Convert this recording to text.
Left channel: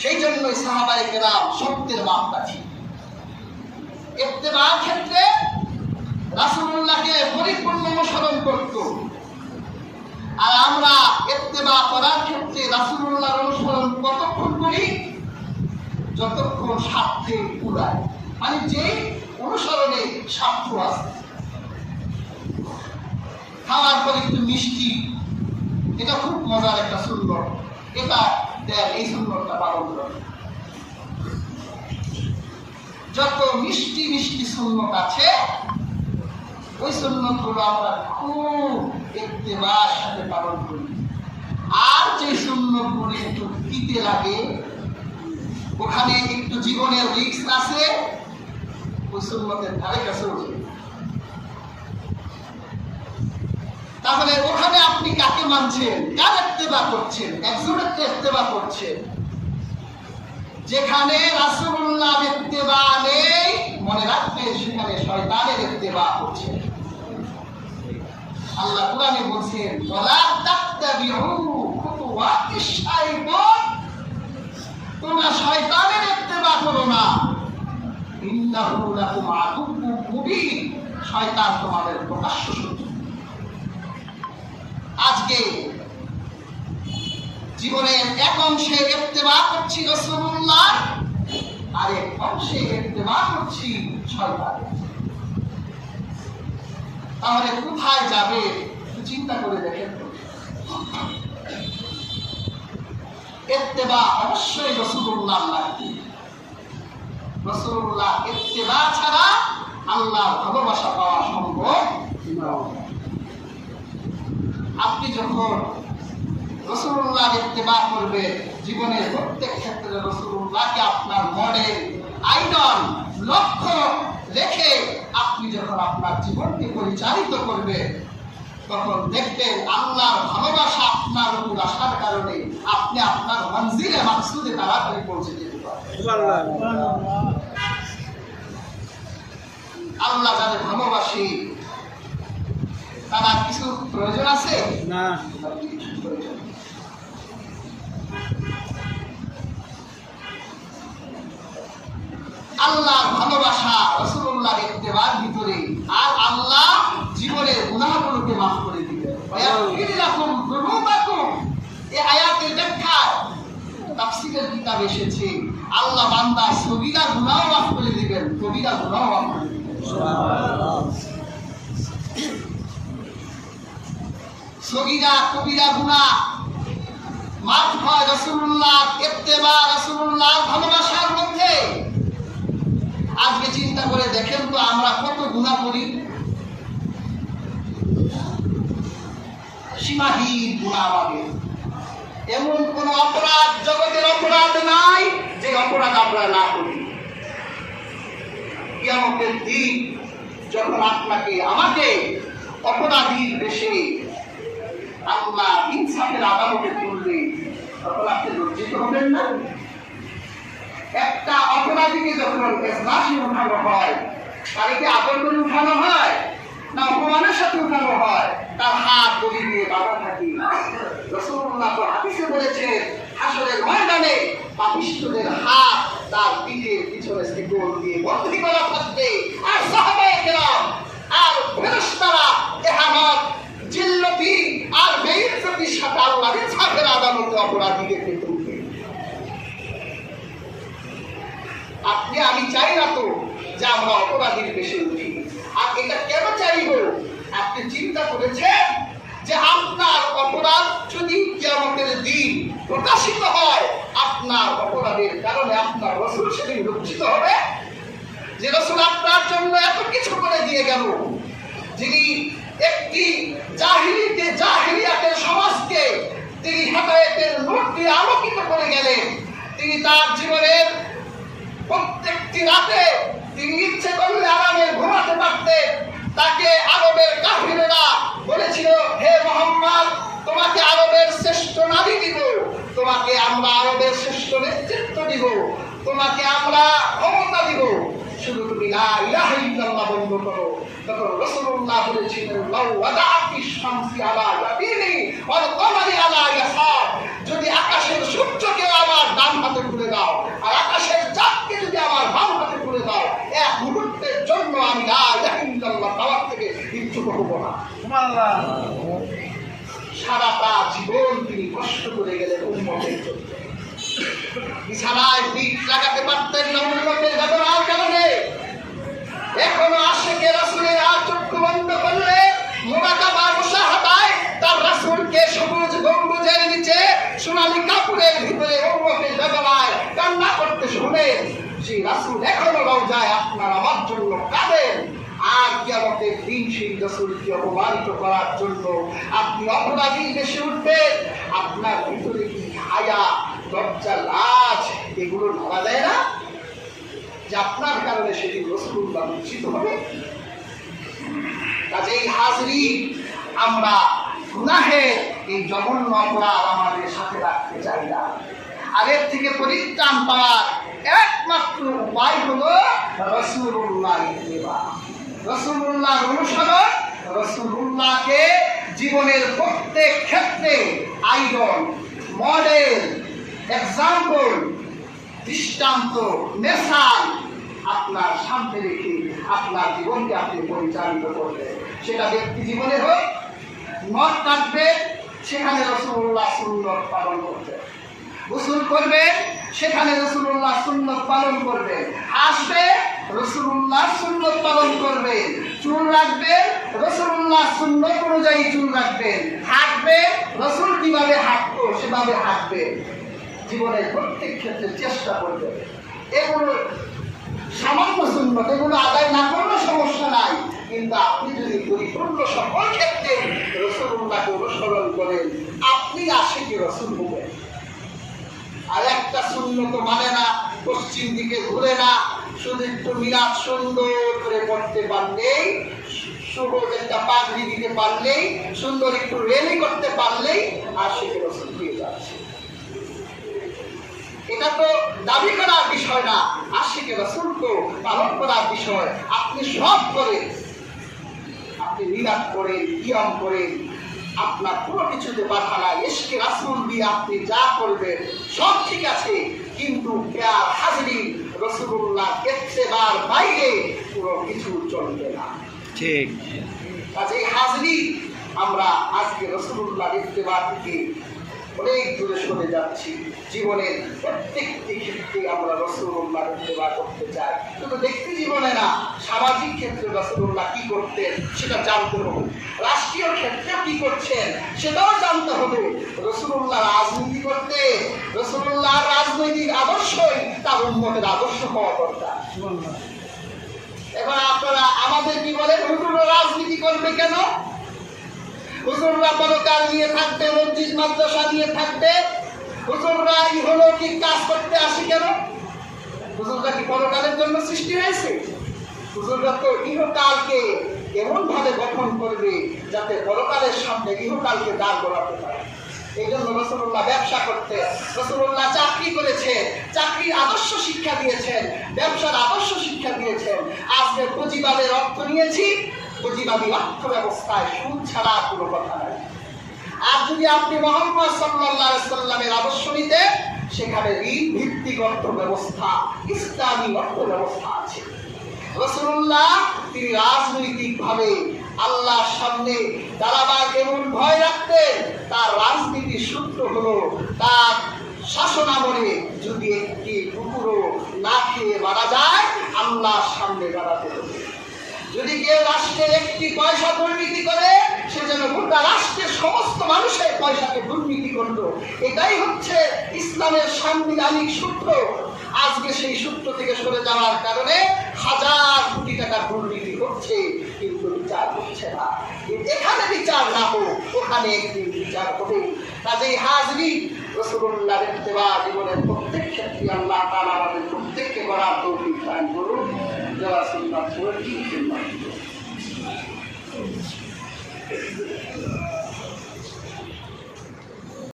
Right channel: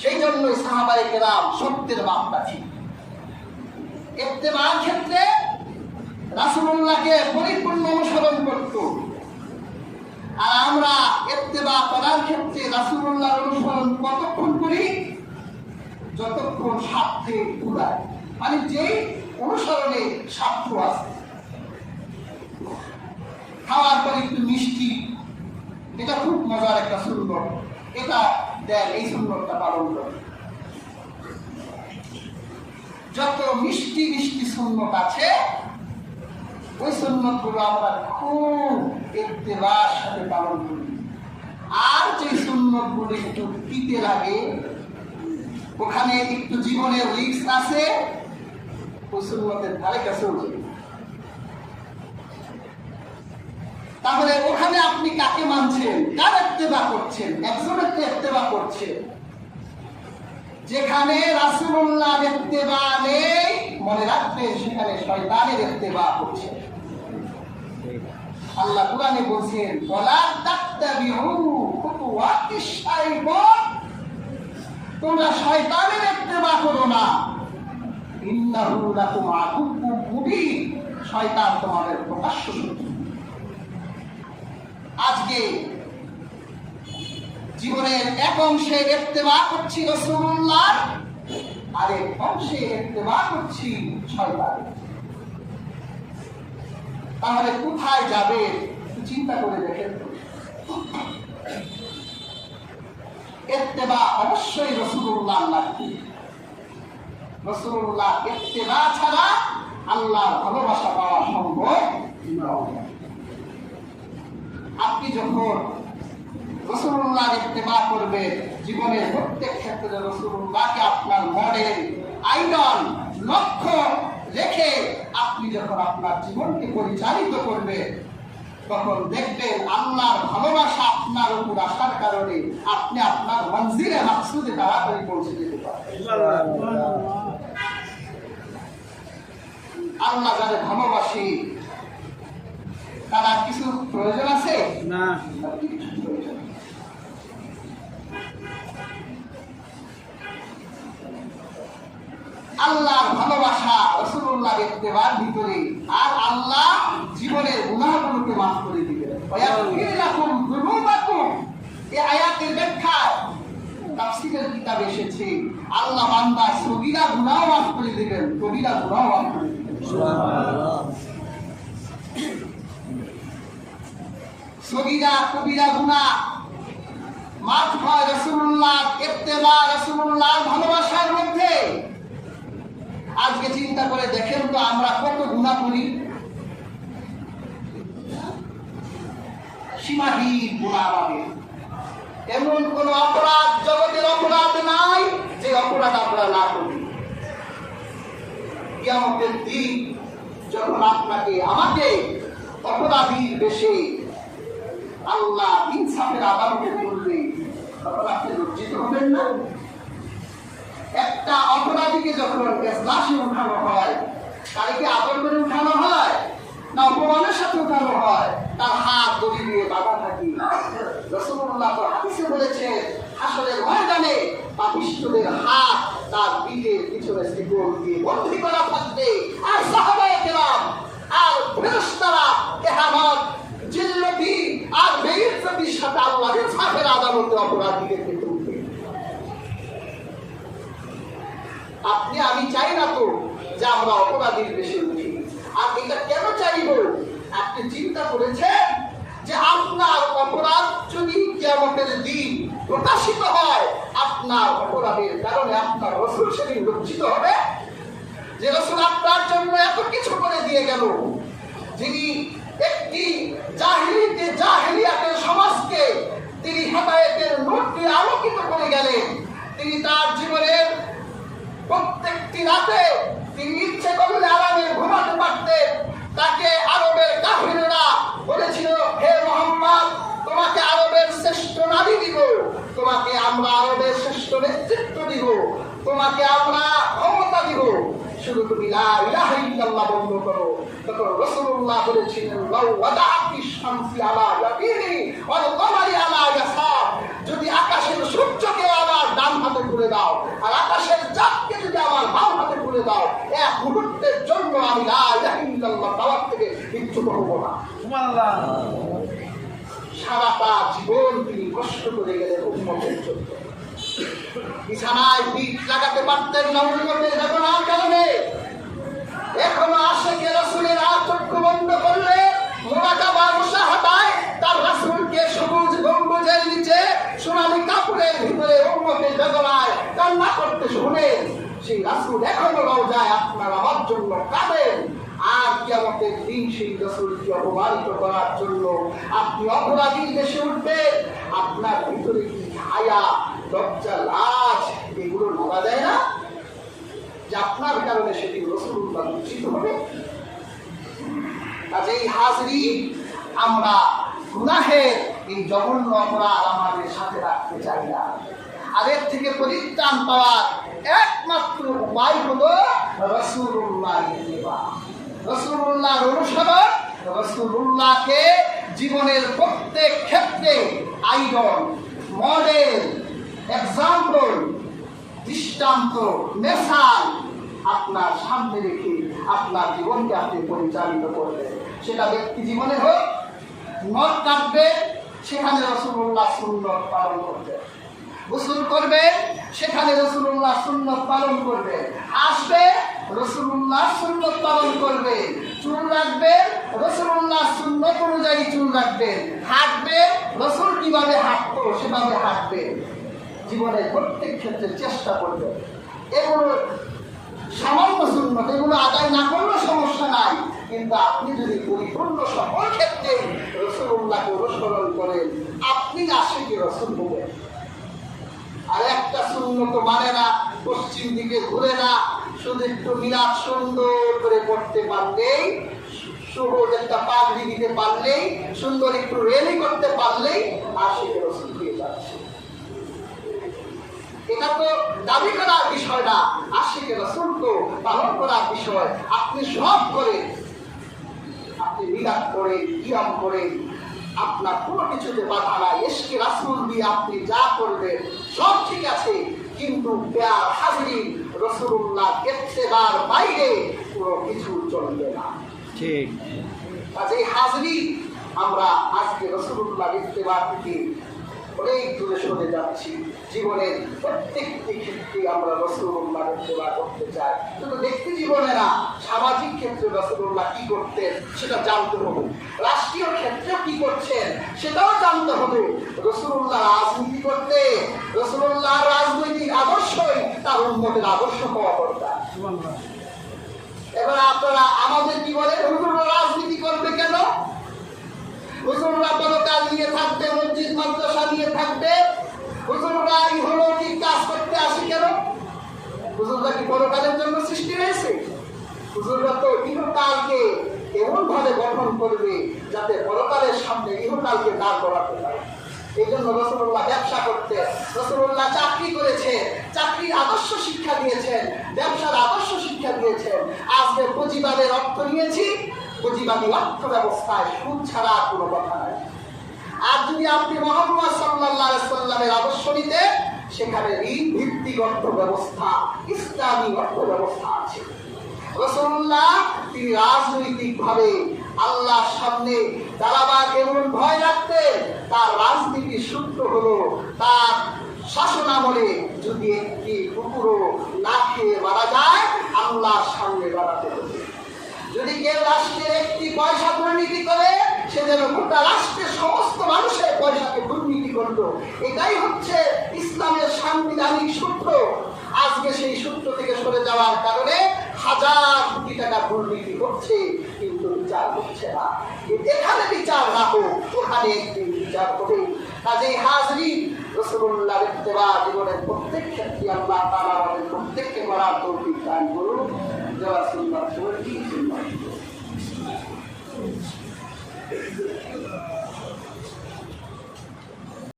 সেই জন্যই সাহাবায়ে কেরাম সত্যের মাপকাঠি। ইত্তেবার ক্ষেত্রে রাসূলুল্লাহকে পরিপূর্ণ অনুসরণ করত, আর আমরা ইত্তেবা করার ক্ষেত্রে রাসূলুল্লাহর অনুসরণ কতক্ষণ করি? যতক্ষণ স্বার্থে উড়ায়, মানে যে অনুসরণে স্বার্থ আছে। খাওয়ার পর একটু মিষ্টি, এটা খুব মজার একটা সুন্নত, এটা দেন, এই সুন্নতটা পালন করে। যত মিষ্টি মিষ্টি সুন্নত আছে, ওই সুন্নতগুলো আমরা খুব ইত্তেবার সাথে পালন করি। আর যে সুন্নতগুলো একটু তিতে লাগে, ওখানে একটু জীবনের রিস্ক আছে, ওই সুন্নতের ধারে কাছেও যাবে। তাহলে ওখানে আপনি কাকে মানছেন, কার ইত্তেবা করছেন? একজনের ইত্তেবা করছেন। যেখানে রাসূলুল্লাহর ইত্তেবা নেই, মনে রাখবেন সেখানে শয়তানের ইত্তেবা করছে। আল্লাহ কুরআনে বলছেন, ওয়ালা তাত্তাবিউ খুতুওয়াতিশ শাইতান, তোমরা শয়তানের ইত্তেবা করো না। ইন্নাহু লাকুম আদুউম মুবিন, শয়তান তোমাদের প্রকাশ্য শত্রু। আজকে জীবনের এক অংশে ইত্তেবা করছি রাসূলুল্লাহ, আর এক অংশে ইত্তেবা করছি শয়তান। তাহলে কোথায় যাবে চিন্তা করে দেখেন। ইত্তেবা অবশ্যই রাসূলুল্লাহ লাগবে। রাসূলুল্লাহ ইত্তেবা ছাড়া আল্লাহর ভালোবাসা পাওয়া সম্ভব নয়। আপনি যখন রাসূলুল্লাহর ইত্তেবা করবেন, জীবনের প্রত্যেক ক্ষেত্রে রাসূলুল্লাহকে আপনার মডেল, আইডল, লক্ষ্য রেখে আপনি যখন আপনার জীবনকে পরিচালিত করবেন, তখন দেখবেন আল্লাহর ভালোবাসা আপনার উপর আসার কারণে আপনি আপনার মঞ্জিলে মাকসুদে তাড়াতাড়ি পৌঁছে যেতে পারবেন। আল্লাহ যাদের ভালোবাসে তারা কিছু প্রয়োজন আছে না? আল্লাহর ভালোবাসা রাসূলুল্লাহর ইত্তেবার ভিতরে, আর আল্লাহ জীবনের গুনাহগুলোকে মাফ করে দিবেন। ওয়ায়াগফির লাকুম যুনুবাকুম, এই আয়াতের ব্যাখ্যায় তাফসীরের কিতাব এসেছে, আল্লাহ বান্দার সগীরা গুনাহ মাফ করে দিবেন, কবিরা গুনাহ মাফ করে দিবেন। সুবহানাল্লাহ। সগীরা কবিরা গুনাহ মাফ হয় রাসূলুল্লাহর ইত্তেবা, রাসূলুল্লাহর ভালোবাসার মধ্যে। আজকে চিন্তা করে দেখেন তো, আমরা কত গুনাহ করি, সীমাহীন গুনাহ আমাদের। এমন কোন অপরাধ, জগতের অপরাধ নাই যে অপরাধ আমরা না করি। কিয়ামতের দিন যখন আপনাকে আমাকে অপরাধীর বেশে আল্লাহ ইনসাফের আদালতে তুলবে, তখন আপনি লজ্জিত হবেন না? একটা অপরাধীকে যখন এজলাসে উঠানো হয়, তাকে কি আদর করে উঠানো হয় না অপমানের সাথে উঠানো হয়? তার হাত দড়ি দিয়ে বাঁধা থাকে। রাসূলুল্লাহ তো হাদিসে বলেছেন, হাসরের ময়দানে পাপিষ্ঠদের হাত তার পিঠের পিছনে শিকল দিয়ে বন্দী করা থাকবে, আর সাহাবায়ে কেরাম আর ফেরেশতারা ইহানাত, জিল্লতি আর বেইজ্জতির সাথে আল্লাহর ইনসাফের আদালতে অপরাধীদেরকে তুলবে। আপনি আমি চাই না তো যে আমরা অপরাধীর বেশি উঠি। আর এটা কেন চাইব? আপনি চিন্তা করেছেন যে আপনার অপরাধ যদি কিয়ামতের দিন প্রকাশিত হয়, আপনার অপরাধের কারণে আপনার রাসূল সেদিন লজ্জিত হবে যে রাসূল আপনার জন্য এত কিছু করে দিয়ে গেল, যিনি একটি জাহিলিয়াতের সমাজকে তিনি হেদায়েতের নূর দিয়ে আলোকিত করে গেলেন। তিনি তার জীবনের প্রত্যেকটি রাতে তিনি ইচ্ছে করলে আরামে ঘুমাতে পারতেন। তাকে আরবের কাফিররা বলেছিল, হে মুহাম্মদ, তোমাকে আরবের শ্রেষ্ঠ নারী দিব, তোমাকে আমরা আরবের শ্রেষ্ঠ নেতৃত্ব দিব, তোমাকে আমরা ক্ষমতা দিব, শুধু তুমি লা ইলাহা ইল্লাল্লাহ বন্ধ করো। তখন রাসূলুল্লাহ বলেছিলেন লাউ ওয়াদাআতিশ শামসি আলা ইয়ামিনি ওয়াল কমারি আলা ইয়াসার, যদি আকাশের সূর্যকে আমার ডান হাতে তুলে দাও আর আকাশের চাঁদকে যদি আমার বাম হাতে তুলে দাও, এক মুহূর্তের জন্য আমি লা ইলাহা ইল্লাল্লাহ পাওয়ার থেকে বিচ্যুত হব না। সুবহানাল্লাহ। সারাটা জীবন তিনি কষ্ট করে গেলেন উম্মতের জন্য। বিছানায় পিঠ লাগাতে পারতেন না উম্মতের বেদনার কারণে। এখনো আশিকে রাসূলের আর চক্ষু বন্ধ করলে মুরাকাবা মুশাহাদায় তার রাসূলকে সবুজ গম্বুজের নিচে সোনালী কাপড়ের ভিতরে উম্মতের বেদনায় কান্না করতে শুনে সেই রাসূল এখনো রওজায় আপনার আমার জন্য কাঁদেন। আর কিয়ামতের দিন সেই রাসূলকে অপমানিত করার জন্য আপনি অপরাধী দেশে উঠবেন। আপনার ভিতরে কি হায়া, লজ্জা, লাজ এগুলো ঢোকা দেয় না যে আপনার কারণে সেদিন রাসূলুল্লাহ লজ্জিত হবে? কাজেই হাজরিন, আমরা গুনাহের এই জঘন্য অপরাধ আমাদের সাথে রাখতে চাই না। আর এর থেকে পরিত্রাণ পাওয়ার একমাত্র উপায় হলো রাসূলুল্লাহ ইত্তিবা, রাসূলুল্লাহ অনুসরণ, রাসূলুল্লাহকে জীবনের প্রত্যেক ক্ষেত্রে আইডল, মডেল, এক্সাম্পল, দৃষ্টান্ত, মেসাল আপনার সামনে রেখে আপনার জীবনকে আপনি পরিচালিত করবেন। সেটা ব্যক্তি জীবনে হোক, নখ কাটবে সেখানে রাসূলুল্লাহ সুন্নাত পালন করবেন, গোসল করবেন সেখানে রাসূলুল্লাহ সুন্নাত পালন করবেন, আসবে রাসূলুল্লাহ সুন্নাত পালন করবেন, চুল রাখবেন রাসূলুল্লাহ সুন্নাত অনুযায়ী চুল রাখবেন, হাঁটবেন রাসূল কিভাবে হাঁটতো সেভাবে হাঁটবেন। জীবনের প্রত্যেক ক্ষেত্রে চেষ্টা করবেন। এগুলো সামান্য সুন্নাত, এগুলো আদায় না করলে সমস্যা নাই, কিন্তু আপনি যদি পরিপূর্ণ সকল ক্ষেত্রে রাসূলুল্লাহকে অনুসরণ করেন, আপনি আশিকে রাসূল হবেন। আর একটা সুন্নত মানে না, পশ্চিম দিকে ঘুরে না, শুধু একটু মিলাদ সুন্দর করে করতে পারলেই, সবুজ একটা পাগড়ি দিতে পারলেই, সুন্দর একটু রেলি করতে পারলেই আশিকে রাসূল দিয়ে যাচ্ছে। এটা তো দাবি করার বিষয় না, আশিকে রাসূল তো পালন করার বিষয়। আপনি সব করেন, আপনি মিলাদ করেন, কিয়াম করেন, আপনার কোনো কিছুতে বাধা নাই। ইশকে রাসূল দিয়ে আপনি যা করবেন সব ঠিক আছে, কিন্তু প্যার হাজরিন রাসূলুল্লাহ ইত্তেবার বাইরে কোনো কিছু চলবে না। ঠিক। কাজেই হাজরিন, আমরা আজকে রাসূলুল্লাহ ইত্তেবা থেকে অনেক দূরে সরে যাচ্ছি। জীবনের প্রত্যেকটি ক্ষেত্রে আমরা রাসূলুল্লাহ ইত্তেবা করতে চাই। শুধু ব্যক্তি জীবনে না, সামাজিক ক্ষেত্রে রাসূলুল্লাহ কি করতেন সেটা জানতে হবে। রাষ্ট্রীয় ক্ষেত্রে কি করছেন সেটাও জানতে হবে। রাসূলুল্লাহ রাজনীতি করতে, রাসূলুল্লাহ রাজনৈতিক আদর্শই তার উম্মতের আদর্শ হওয়া দরকার। এবার আপনারা আমাদের কি বলেন, হুজুররা রাজনীতি করবে কেন? হুজুররা পরকাল নিয়ে থাকবে, মসজিদ মাদ্রাসা নিয়ে থাকবে, হুজুররা ইহলৌকিক কাজ করতে আসে কেন? হুজুররা কি পরকালের জন্য সৃষ্টি হয়েছে? হুজুররা তো ইহকালকে এমন ভাবে গঠন করবে যাতে পরকালের সামনে ইহকালকে দাঁড় করাতে পারে। এই জন্য রাসূলুল্লাহ ব্যবসা করতে, রাসূলুল্লাহ চাকরি করেছে, চাকরির আদর্শ শিক্ষা দিয়েছেন, ব্যবসার আদর্শ শিক্ষা দিয়েছেন। আজকে পুঁজিবাদের অর্থ নিয়েছি, পুঁজিবাদী অর্থ ব্যবস্থায় সুদ ছাড়া কোনো কথা নাই। আর যদি আপনি মুহাম্মদ সাল্লাল্লাহু আলাইহি সাল্লামের আদর্শ নিতে, সেখানে ঋণ ভিত্তিক অর্থ ব্যবস্থা, ইসলামী অর্থ ব্যবস্থা আছে। রাসূলুল্লাহ তিনি রাজনৈতিকভাবে আল্লাহর সামনে দাঁড়াবার এমন ভয় রাখতেন, তার রাজনীতির সূত্র হলো তার শাসনামলে যদি একটি কুকুরও না খেয়ে মারা যায়, আল্লাহর সামনে দাঁড়াতে হবে। যদি কেউ রাষ্ট্রের একটি পয়সা দুর্নীতি করে, সে যেন গোটা রাষ্ট্রের সমস্ত মানুষের পয়সাকে দুর্নীতি করল। এটাই হচ্ছে ইসলামের সাংবিধানিক সূত্র। আজকে সেই সূত্র থেকে সরে যাওয়ার কারণে হাজার কোটি টাকা দুর্নীতি হচ্ছে, কিন্তু বিচার হচ্ছে না। এখানে বিচার না হোক, ওখানে একটি বিচার হবে। কাজেই হাজরিন, রাসূলুল্লাহর ইত্তেবা জীবনের প্রত্যেক ক্ষেত্রে আল্লাহ তাআলা আমাদের প্রত্যেককে করার তৌফিক দান করুন। যারা সুন্নাত পড়ি সুন্নাত